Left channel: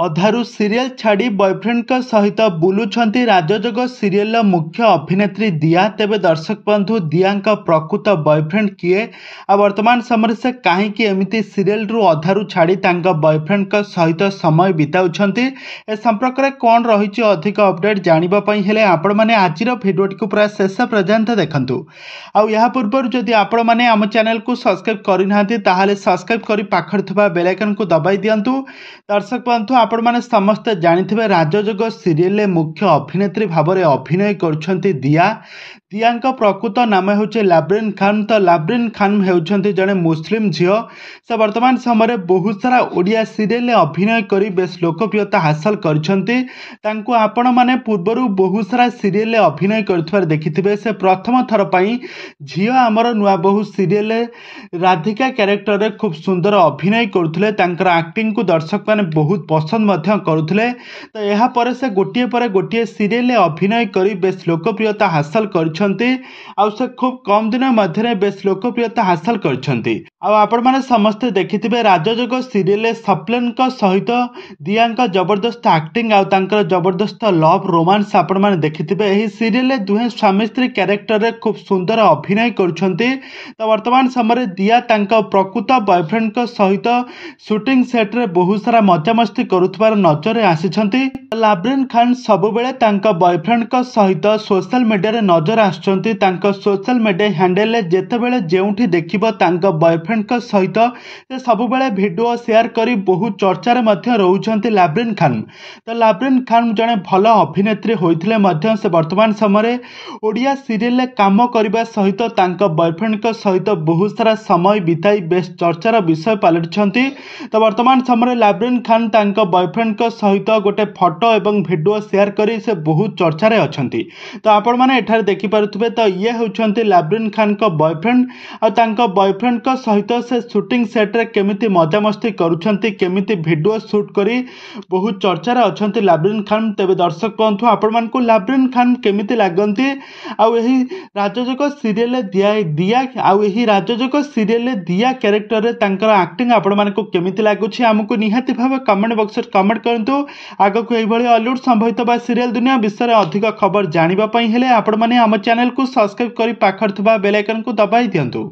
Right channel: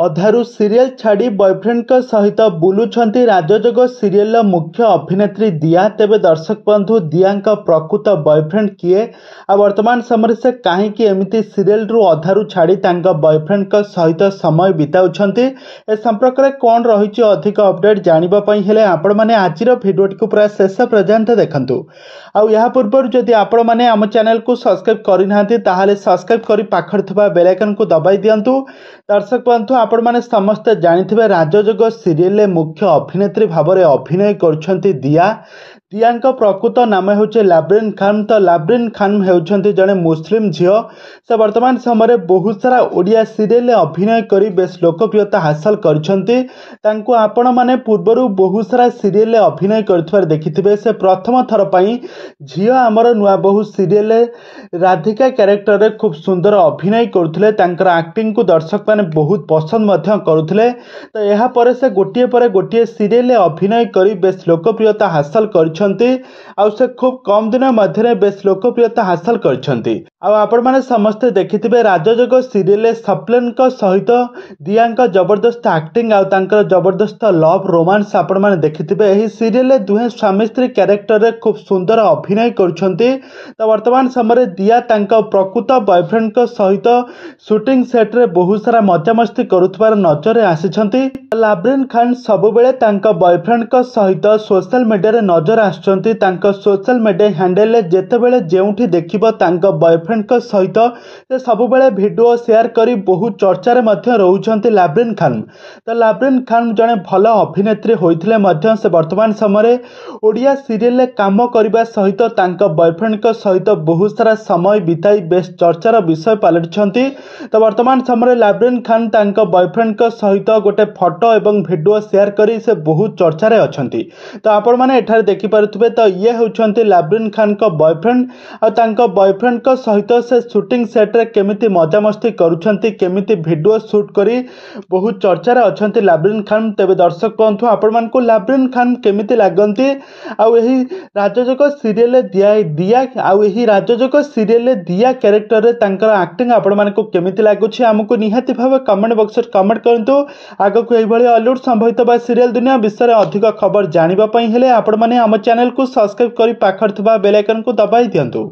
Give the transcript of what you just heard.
अधारू serial छाड़ी boyfriend सहित बुलुंट राजजोग serial मुख्य अभिनेत्री दिया। तेबे दर्शक बंधु दिया प्रकृत बॉयफ्रेंड किए आ वर्तमान समय से कहीं एमती सीरियल रु अधारू छाड़ी बॉयफ्रेंड सहित समय बिताउछंती ए संपर्क में कौन रही अधिक अपडेट जानापी हेले आपण मैंने आज भिडियोटी को पूरा शेष पर्यंत देखंतु। आ पूर्व जदि आपण मैंने आम चैनल को सब्सक्राइब करना ताहले सब्सक्राइब कर पाखर थिबा बेल आइकन को दबाई दियंतु। दर्शक बंधु आपण मैंने समस्ते जानिथिबे राजजोग सीरियल मुख्य अभिनेत्री भाव में अभिनय करछंती दिया। दिया प्रकृत नाम हूँ लाब्रिन खान। तो लाब्रिन खान होउछंती जड़े मुस्लिम झील। से वर्तमान समय बहुत सारा ओडिया सीरियल अभिनय करी बेस लोकप्रियता हासिल करछंती। तांको आपण माने पूर्वरु बहुत सारा सीरियल अभिनय करथिबार देखिथिबे। से प्रथम थर पई झील आमर नुआ बहु सीरियल राधिका कैरेक्टर रे खूब सुंदर अभिनय करथुले। तांकर एक्टिंग को दर्शक माने बहुत पसंद मध्य करुथुले। तो यहा परे से गोटिए परे गोटिए सीरियल अभिनय करी बेस लोकप्रियता हासिल कर से खूब कम दिन मध्य बेस लोकप्रियता हासिल करछंती। आपण माने समस्ते देखिथिबे राजजोग सीरियल सप्लेन सहित दिया जबरदस्त एक्टिंग आ तांकर जबरदस्त लव रोमांस आपण माने देखिथिबे। एही सीरियल दुहे स्वामी स्त्री कैरेक्टर रे खूब सुंदर अभिनय करछंती। तो वर्तमान समय दिया तांका प्रकृत बॉयफ्रेंड सहित शूटिंग सेट रे बहुत सारा मजामस्ती करुथबार नजर आसीछंती। लाब्रिन खान सबुबेले तांका बॉयफ्रेंड सहित सोशल मीडिया रे नजर आछंती। तांका सोशल मीडिया हैंडल रे जेतेबेले जेउठी देखिबो तांका बॉयफ्रेंड सहित से सबुबेले वीडियो शेयर करी बहुत चर्चा रे मध्य रहउछंती लाब्रिन खान। तो लाब्रिन खान जने भल अभिनेत्री होइथिले मध्य से वर्तमान समय ओडिया सीरियल काम करबा सहित तांका बॉयफ्रेंड सहित बहुत सारा समय बिताई बेस चर्चार विषय पलटिछंती। तो वर्तमान समय लाब्रिन खान तांका बॉयफ्रेंड सहित गोटे फोटो एवं वीडियो शेयर करी से बहुत चर्चा रे अछंती। तो आपण माने एठार देखि पारुथबे। तो ये होउछंती लाब्रिन खान को बॉयफ्रेंड आ तांका बॉयफ्रेंड सहित से शूटिंग सेट रे केमिति मजामस्ती करूछंती केमिति वीडियो शूट करी बहुत चर्चा रे अछंती लाब्रिन खान। तेबे दर्शक बंधु आपण मान को लाब्रिन खान केमिति लागंती आ एही राजजोग सीरियल दिया आ एही राजजोग सीरियल दिया कैरेक्टर रे तांकर एक्टिंग आपण मान को केमिति लागुछि हमको निहाती भाव कमेंट बॉक्स रे कमेंट करंतु। आगो को एही भली हॉलीवुड संभवित बा सीरियल दुनिया विषय रे अधिक खबर जानिबा पई हेले आपण माने हम चैनल को सब्सक्राइब करी पाखर थिबा बेल आइकन को दबाई दियंतु।